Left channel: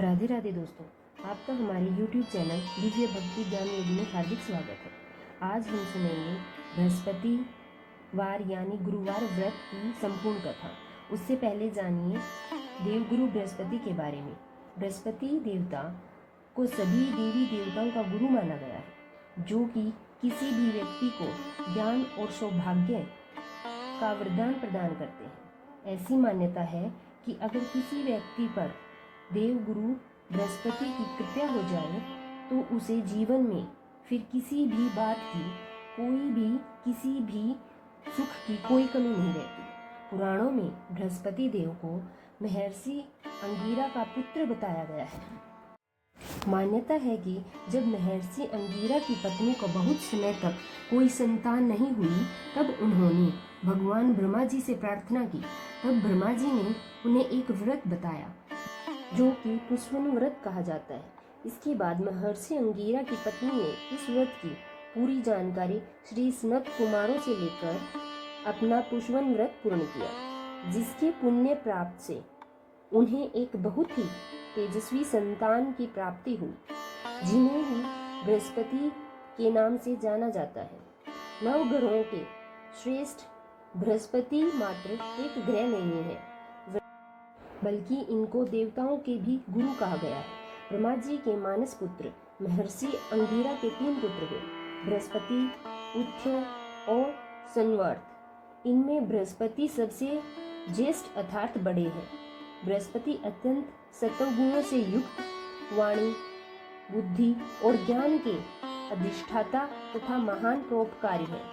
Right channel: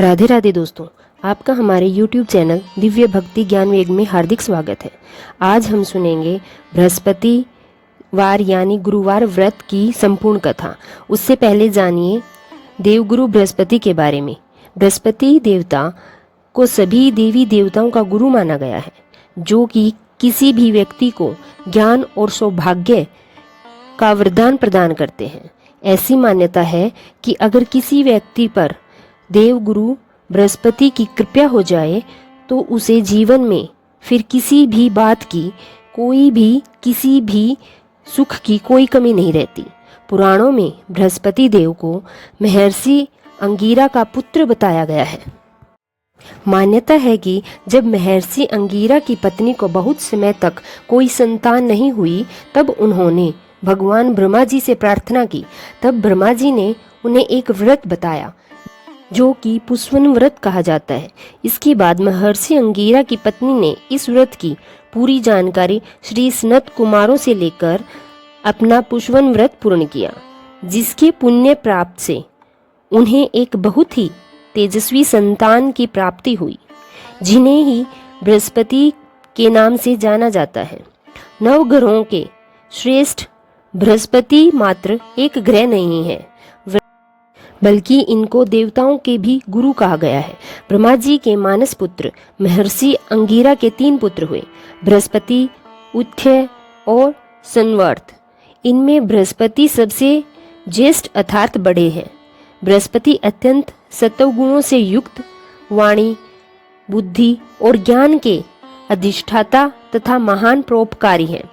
राधे राधे दोस्तों, आपका हमारे YouTube चैनल दिव्य भक्ति ज्ञान वेग में हार्दिक स्वागत है। आज हम सुनेंगे बृहस्पतिवार यानी गुरुवार व्रत की संपूर्ण कथा। उससे पहले जानिए देवगुरु बृहस्पति के बारे में। बृहस्पति देवता को सभी देवी देवताओं का गुरु माना गया है, जो कि किसी भी व्यक्ति को ज्ञान और सौभाग्य का वरदान प्रदान करते हैं। ऐसी मान्यता है कि अगर किसी व्यक्ति पर देवगुरु बृहस्पति की कृपा हो जाए तो उसे जीवन में फिर किसी भी बात की, किसी भी सुख की कोई कमी नहीं रहती। पुराणों में बृहस्पति देव को महर्षि अंगिरा का पुत्र बताया गया है। मान्यता है कि जब महर्षि अंगिरा की पत्नी को बहुत समय तक कोई संतान नहीं हुई, तब उन्होंने भगवान ब्रह्मा जी से प्रार्थना की। तब ब्रह्मा जी ने उन्हें एक व्रत बताया, जो कि पुष्वन व्रत कहा जाता है। इसके बाद महर्षि अंगिरा की पत्नी ने इस व्रत की पूरी जानकारी श्री सनत कुमारों से लेकर अपना पुष्वन व्रत पूर्ण किया, जिसके पुण्य प्राप्त से उन्हें एक बहुत ही तेजस्वी संतान की प्राप्ति हुई, जिन्हें ही बृहस्पति के नाम से जाना जाता है। नव ग्रहों के श्रेष्ठ बृहस्पति मात्र एक ग्रह नहीं है, बल्कि इनको देवताओं के भी गुरु कहा गया है। ब्रह्मा जी के मानस पुत्र महर्षि अंगिरा के 3 पुत्र हुए, बृहस्पति, उथ्य और संवर्त। इनमें बृहस्पति सबसे ज्येष्ठ अर्थात बड़े हैं। बृहस्पति अत्यंत सत्वगुणों से युक्त, वाणी, बुद्धि और ज्ञान के अधिष्ठाता तथा महान परोपकारी हैं।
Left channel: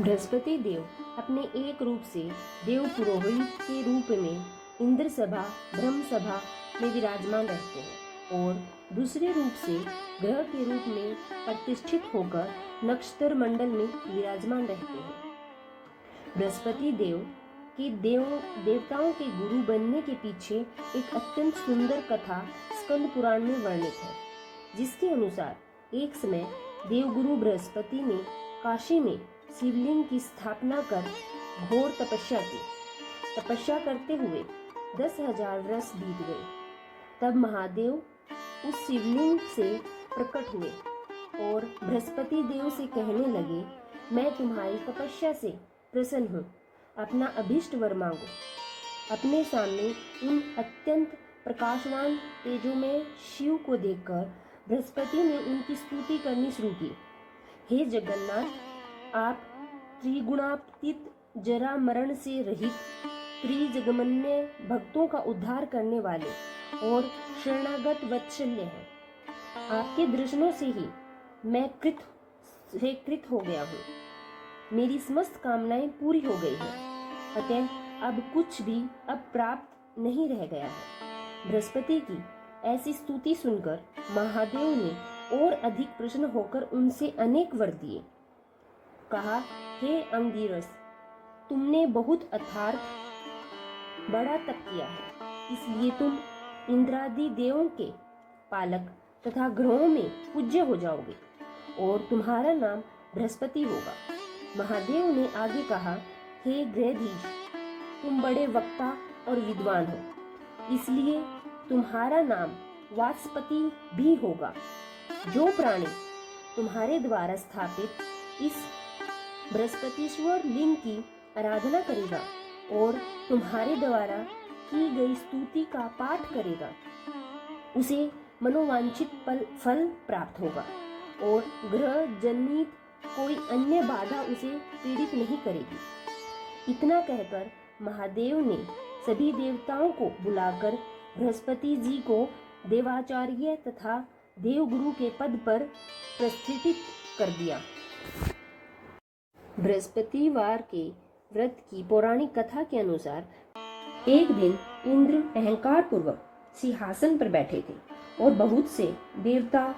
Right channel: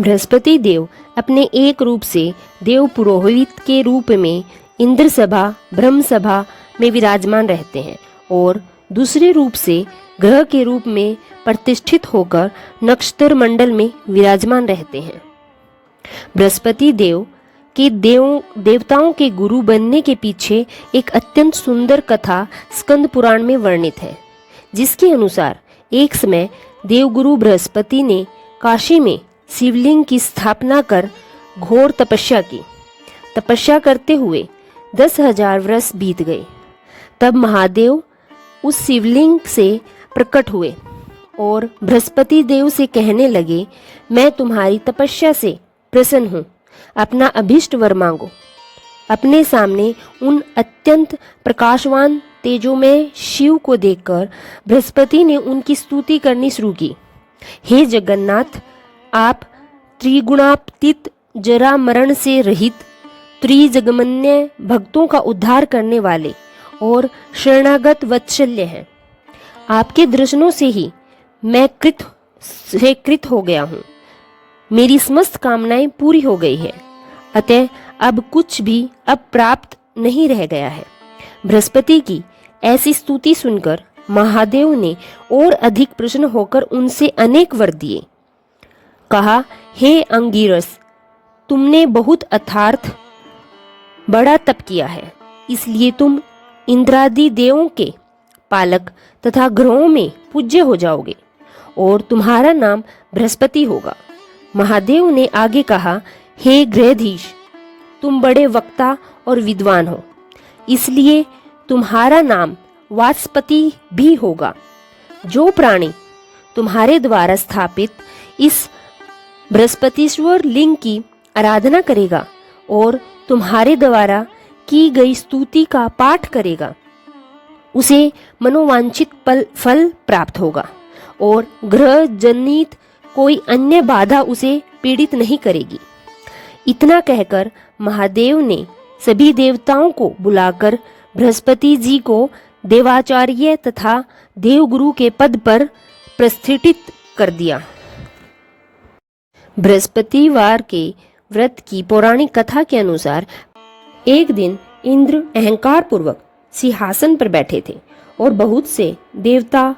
बृहस्पति देव अपने एक रूप से देव पुरोहित के रूप में इंद्र सभा, ब्रह्म सभा में विराजमान रहते हैं और दूसरे रूप से ग्रह के रूप में प्रतिष्ठित होकर नक्षत्र मंडल में विराजमान रहते हैं। बृहस्पति देव के देवताओं के गुरु बनने के पीछे एक अत्यंत सुंदर कथा स्कंद पुराण में वर्णित है, जिसके अनुसार एक समय देवगुरु बृहस्पति ने काशी में शिवलिंग की स्थापना कर घोर तपस्या की। तपस्या करते हुए 10,000 वर्ष बीत गए। तब महादेव उस शिवलिंग से प्रकट हुए और बृहस्पति देव से कहने लगे, मैं तुम्हारी तपस्या से प्रसन्न हूँ, अपना अभीष्ट वर मांगो। अपने सामने उन अत्यंत प्रकाशवान तेजोमय शिव को देखकर बृहस्पति ने उनकी स्तुति करनी शुरू की। हे जगन्नाथ, आप त्रिगुणातीत, जरा मरण से रहित, त्रिजगमन्य, भक्तों का उद्धार करने वाले और शरणागत वत्सल्य हैं। आपके दर्शनों से ही मैं कृत हो गया हूँ। मेरी समस्त कामनाएं पूरी हो गई है, अतः अब कुछ भी अप्राप्त नहीं रह गया है। बृहस्पति की ऐसी स्तुति सुनकर महादेव ने और अधिक प्रसन्न होकर उनसे अनेक वर दिए। कहा, हे अंगिरस, तुमने बहुत अथार्थ बड़ा तप किया है, इसलिए तुम इंद्रादि देवों के पालक तथा ग्रहों में पूज्य हो जाओगे और तुम्हारा नाम बृहस्पति होगा। महादेव ने आगे कहा, हे ग्रहाधीश, तुम बड़े वक्ता और विद्वान हो, इसलिए तुम्हारा नाम वाचस्पति भी होगा। जो प्राणी तुम्हारे द्वारा स्थापित इस बृहस्पतिश्वर लिंग की आराधना करेगा और तुम्हारे द्वारा की गई स्तुति का पाठ करेगा, उसे मनोवांछित फल प्राप्त होगा और ग्रह जनित कोई अन्य बाधा उसे पीड़ित नहीं करेगी। इतना कहकर महादेव ने सभी देवताओं को बुलाकर बृहस्पति जी को देवाचार्य तथा देवगुरु के पद पर प्रतिष्ठित कर दिया। बृहस्पतिवार के व्रत की पौराणिक कथा के अनुसार एक दिन इंद्र अहंकार पूर्वक सिंहासन पर बैठे थे और बहुत से देवता,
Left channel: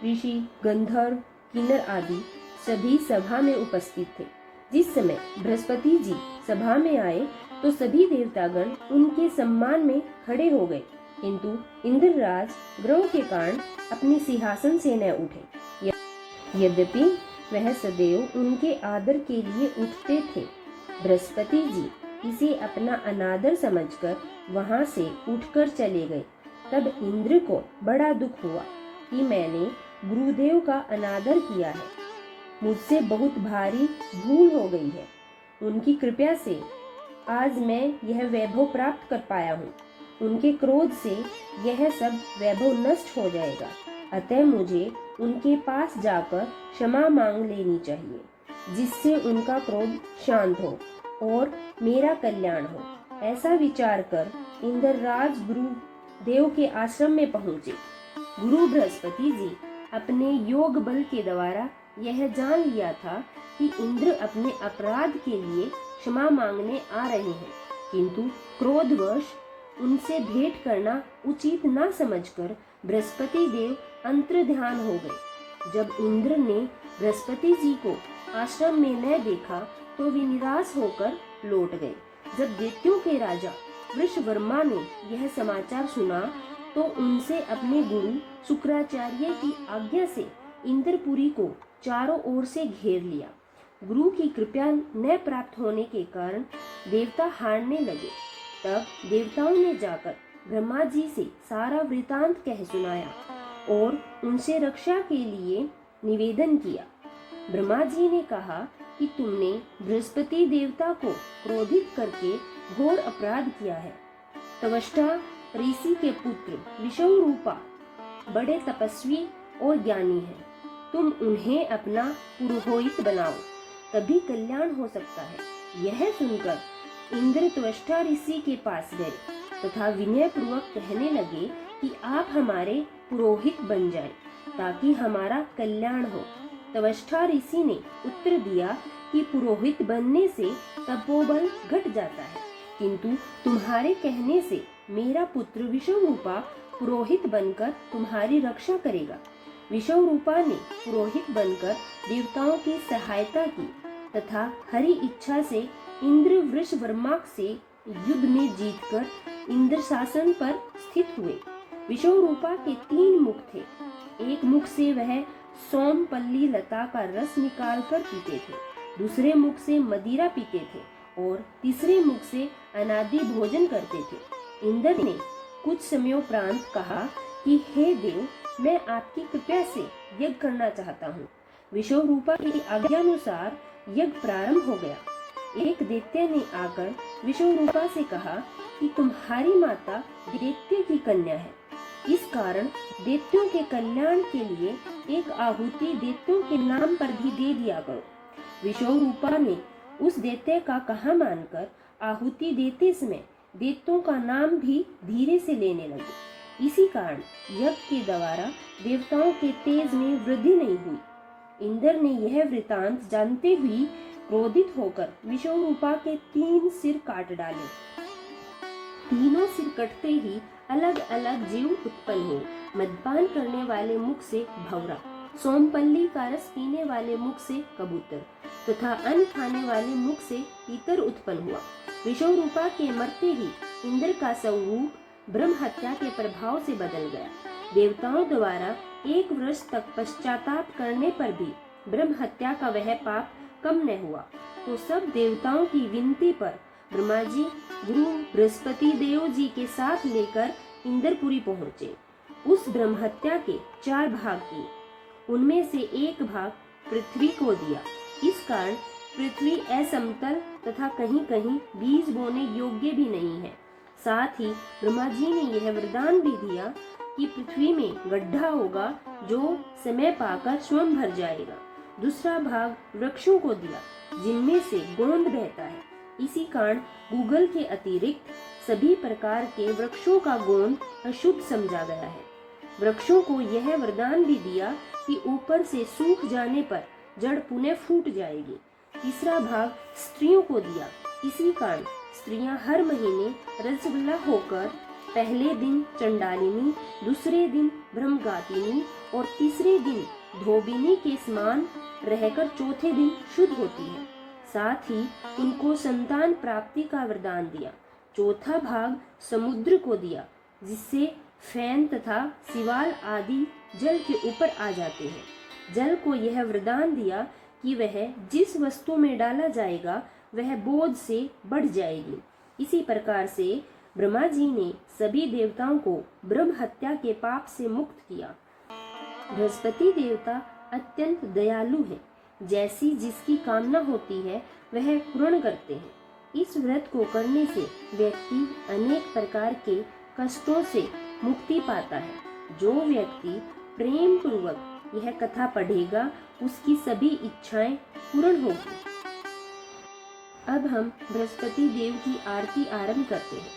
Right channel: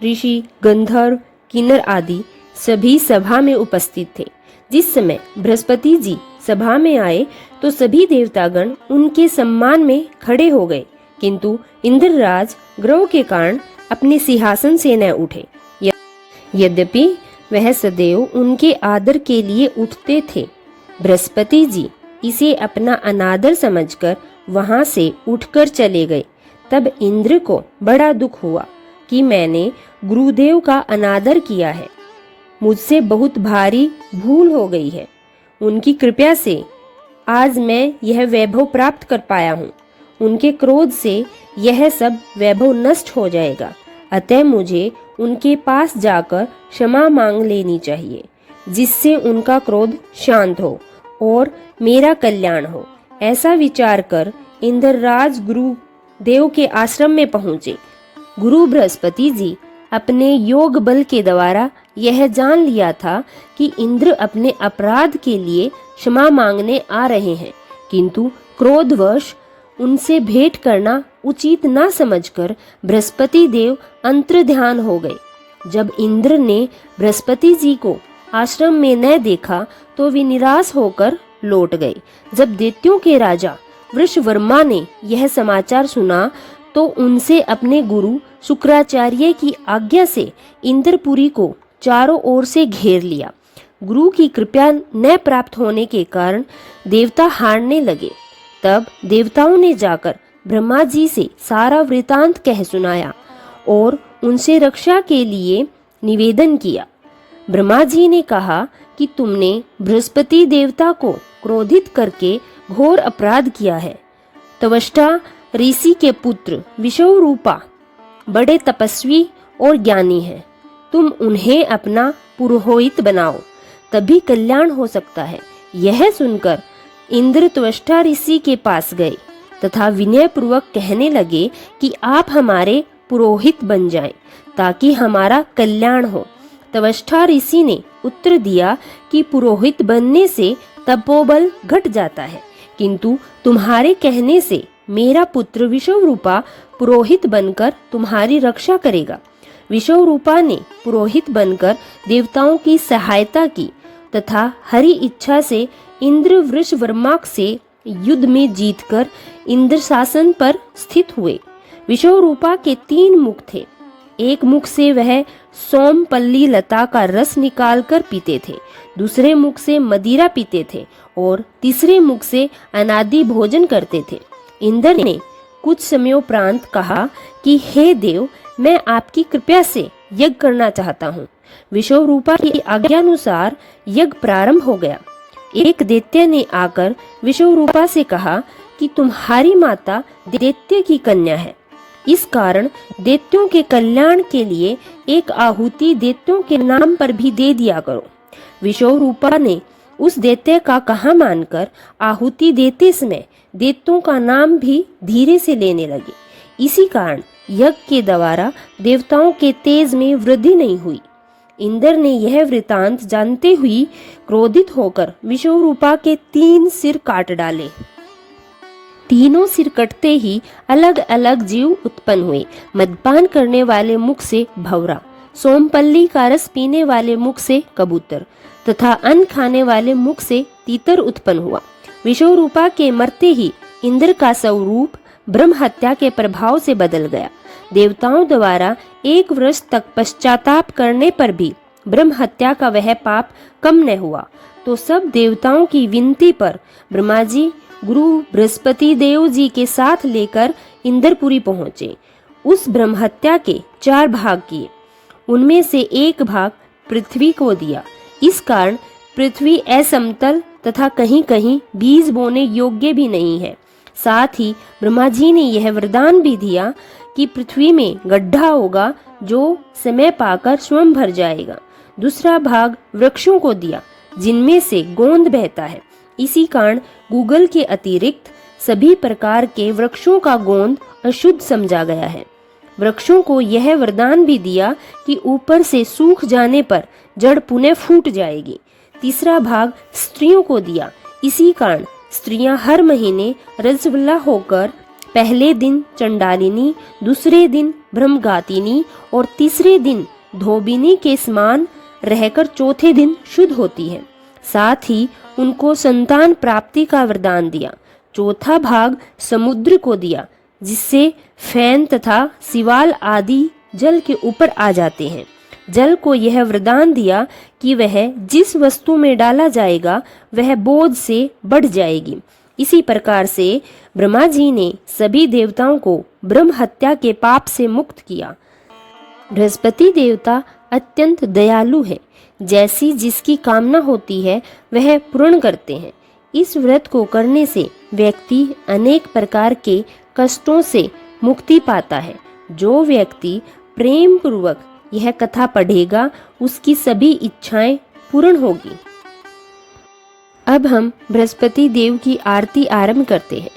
ऋषि, गंधर्व, किन्नर आदि सभी सभा में उपस्थित थे। जिस समय बृहस्पति जी सभा में आए तो सभी देवतागण उनके सम्मान में खड़े हो गए, किंतु इंद्रराज ग्रह के कारण अपने सिंहासन से न उठे। यद्यपि वह सदैव उनके आदर के लिए उठते थे, बृहस्पति जी इसे अपना अनादर समझकर वहां से उठकर चले गए तब इंद्र को बड़ा दुख हुआ कि मैंने गुरुदेव का अनादर किया है, मुझसे बहुत भारी भूल हो गई है। उनकी कृपा से आज मैं यह वैभव प्राप्त कर पाया हूँ। उनके क्रोध से यह सब वैभव नष्ट हो जाएगा, अतः मुझे उनके पास जाकर क्षमा मांग लेनी चाहिए, जिससे उनका क्रोध शांत हो और मेरा कल्याण हो। ऐसा विचार कर इंद्रराज गुरुदेव के आश्रम में पहुंचे। गुरु बृहस्पति जी अपने योग बल के द्वारा यह जान लिया था कि इंद्र अपने अपराध के लिए क्षमा मांगने आ रहे हैं, किंतु क्रोधवश उनसे भेंट करना उचित न समझकर बृहस्पति देव अंतर्ध्यान हो गए। जब इंद्र ने बृहस्पति जी को आश्रम में न देखा तो वे निराश होकर लौट गए। जब दैत्यों के राजा वृषवर्मा ने यह समाचार सुना तो उनसे अपने गुरु शुक्राचार्य की आज्ञा से इंद्रपुरी को चारों ओर से घेर लिया। गुरु की कृपा न प्राप्त होने के कारण देवता हारने लगे। तब देवताओं ने जाकर ब्रह्मा जी से सारा वृतांत कह सुनाया और उनसे रक्षा के लिए निवेदन किया। ब्रह्मा जी ने कहा कि तुमने बृहस्पति देवता को क्रोधित करके घोर अपराध किया है। त्वष्टा ऋषि के पुत्र विश्वरूपा बड़े तपस्वी और ज्ञानी हैं। तुम उन्हें अपना पुरोहित बनाओ, तभी कल्याण हो सकता है। यह सुनकर इंद्र त्वष्टा ऋषि के पास गए तथा विनय पूर्वक कहने लगे कि आप हमारे पुरोहित बन जाएं, ताकि हमारा कल्याण हो। त्वष्टा ऋषि ने उत्तर दिया कि पुरोहित बनने से तपोबल घट जाता है, किंतु तुम्हारे कहने से मेरा पुत्र विश्वरूपा पुरोहित बनकर तुम्हारी रक्षा करेगा। विश्वरूपा ने पुरोहित बनकर देवताओं की सहायता की तथा हरि इच्छा से इंद्र वृषवर्मा से युद्ध में जीतकर इंद्र शासन पर स्थित हुए। विश्वरूपा के 3 मुख थे। एक मुख से वह सोमपल्ली लता का रस निकालकर पीते थे, दूसरे मुख से मदिरा पीते थे और तीसरे मुख से अनादि भोजन करते थे। इंद्र ने कुछ समयोपरांत कहा कि हे देव, मैं आपकी कृपा से यज्ञ करना चाहता हूँ। विश्वरूपा की आज्ञानुसार यज्ञ प्रारंभ हो गया। एक दैत्य ने आकर विश्वरूपा से कहा कि तुम्हारी माता दैत्य की कन्या है, इस कारण दैत्यों के कल्याण के लिए एक आहुति दैत्यों के नाम पर भी दे दिया करो। विश्वरूपा ने उस दैत्य का कहा मानकर आहुति देते समय दैत्यों का नाम भी धीरे से लेने लगे। इसी कारण यज्ञ के द्वारा देवताओं के तेज में वृद्धि नहीं हुई। इंद्र ने यह वृतांत जानते हुए क्रोधित होकर विश्वरूपा के 3 सिर काट डाले। तीनों सिर कटते ही अलग अलग जीव उत्पन्न हुए। मदपान करने वाले मुख से भंवरा, सोमपल्ली का रस पीने वाले मुख से कबूतर तथा अन्न खाने वाले मुख से तीतर उत्पन्न हुआ। विश्वरूपा के मरते ही इंद्र का स्वरूप ब्रह्म हत्या के प्रभाव से बदल गया। देवताओं द्वारा 1 वर्ष तक पश्चाताप करने पर भी ब्रह्म हत्या का वह पाप कम न हुआ, तो सब देवताओं की विनती पर ब्रह्मा जी गुरु बृहस्पति देव जी के साथ लेकर इंद्रपुरी पहुंचे। उस ब्रह्म हत्या के 4 भाग किए, उनमें से 1 भाग पृथ्वी को दिया। इस कारण पृथ्वी असमतल तथा कहीं कहीं बीज बोने योग्य भी नहीं है। साथ ही ब्रह्मा जी ने यह वरदान भी दिया कि पृथ्वी में गड्ढा होगा जो समय पाकर स्वयं भर जाएगा। दूसरा भाग वृक्षों को दिया जिनमें से गोंद बहता है। इसी कारण गूगल के अतिरिक्त सभी प्रकार के वृक्षों का गोंद अशुद्ध समझा गया है। वृक्षों को यह वरदान भी दिया कि ऊपर से सूख जाने पर जड़ पुनः फूट जाएगी। तीसरा भाग स्त्रियों को दिया। इसी कारण स्त्रियां हर महीने रजस्वला होकर पहले दिन चंडालिनी, दूसरे दिन ब्रह्मघातिनी और तीसरे दिन धोबिनी के समान रहकर चौथे दिन शुद्ध होती है। साथ ही उनको संतान प्राप्ति का वरदान दिया। चौथा भाग समुद्र को दिया जिससे फैन तथा सिवाल आदि जल के ऊपर आ जाते हैं। जल को यह वरदान दिया कि वह जिस वस्तु में डाला जाएगा वह बोझ से बढ़ जाएगी इसी प्रकार से ब्रह्मा जी ने सभी देवताओं को ब्रह्म हत्या के पाप से मुक्त किया। बृहस्पति देवता अत्यंत दयालु है। जैसी जिसकी कामना होती है वह पूर्ण करते हैं। इस व्रत को करने से व्यक्ति अनेक प्रकार के कष्टों से मुक्ति पाता है। जो व्यक्ति प्रेम पूर्वक यह कथा पढ़ेगा उसकी सभी इच्छाएं पूर्ण होगी। अब हम बृहस्पति देव की आरती आरंभ करते हैं।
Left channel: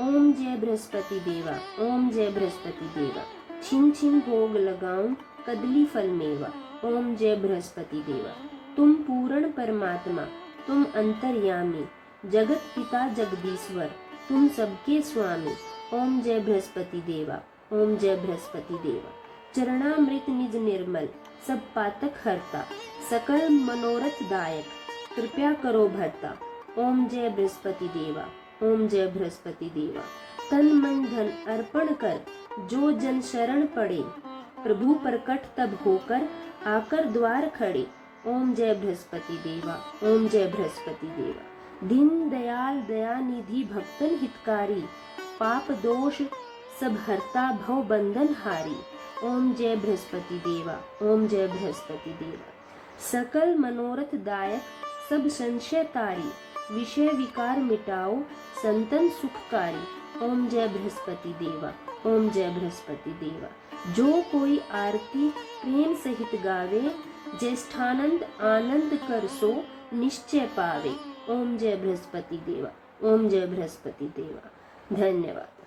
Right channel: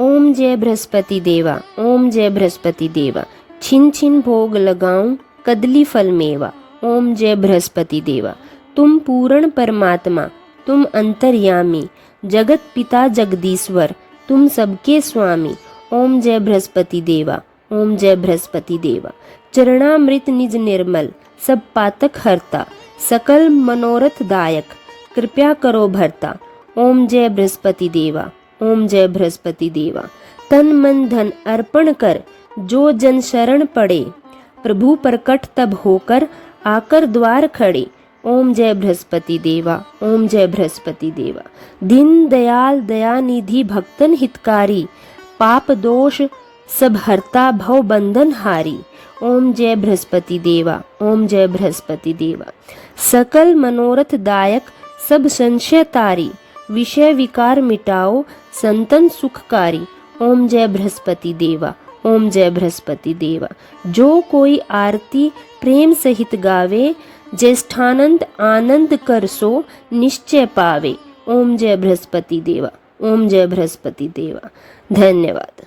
ओम जय बृहस्पति देवा, ओम जय बृहस्पति देवा, छिन छिन भोग लगाऊं कदली फल मेवा। ओम जय बृहस्पति देवा, तुम पूर्ण परमात्मा, तुम अंतर्यामी, जगत पिता जगदीश्वर, तुम सबके स्वामी। ओम जय बृहस्पति देवा, ओम जय बृहस्पति देवा, चरणामृत निज निर्मल, सब पातक हरता, सकल मनोरथ दायक, कृपया करो भरता। ओम जय बृहस्पति देवा, ओम जय बृहस्पति देवा, तन मन धन अर्पण कर, जो जन शरण पड़े, प्रभु प्रकट तब होकर, आकर द्वार खड़े। ओम जय बृहस्पति देवा, ओम जय बृहस्पति देवा, दीन दयाल दयानिधि भक्तन हितकारी, पाप दोष सब हरता भव बंधन हारी। ओम जय बृहस्पति देवा, ओम जय बृहस्पति देवा, सकल मनोरथ दायक, सब संशय तारी, विषय विकार मिटाओ, संतन सुखकारी। ओम जय बृहस्पति देवा, ओम जय बृहस्पति देवा, जो कोई आरती प्रेम सहित गावे, ज्येष्ठानंद आनंद कर सो निश्चय पावे। ओम जय बृहस्पति देवा, ओम जय बृहस्पति देवा। धन्यवाद।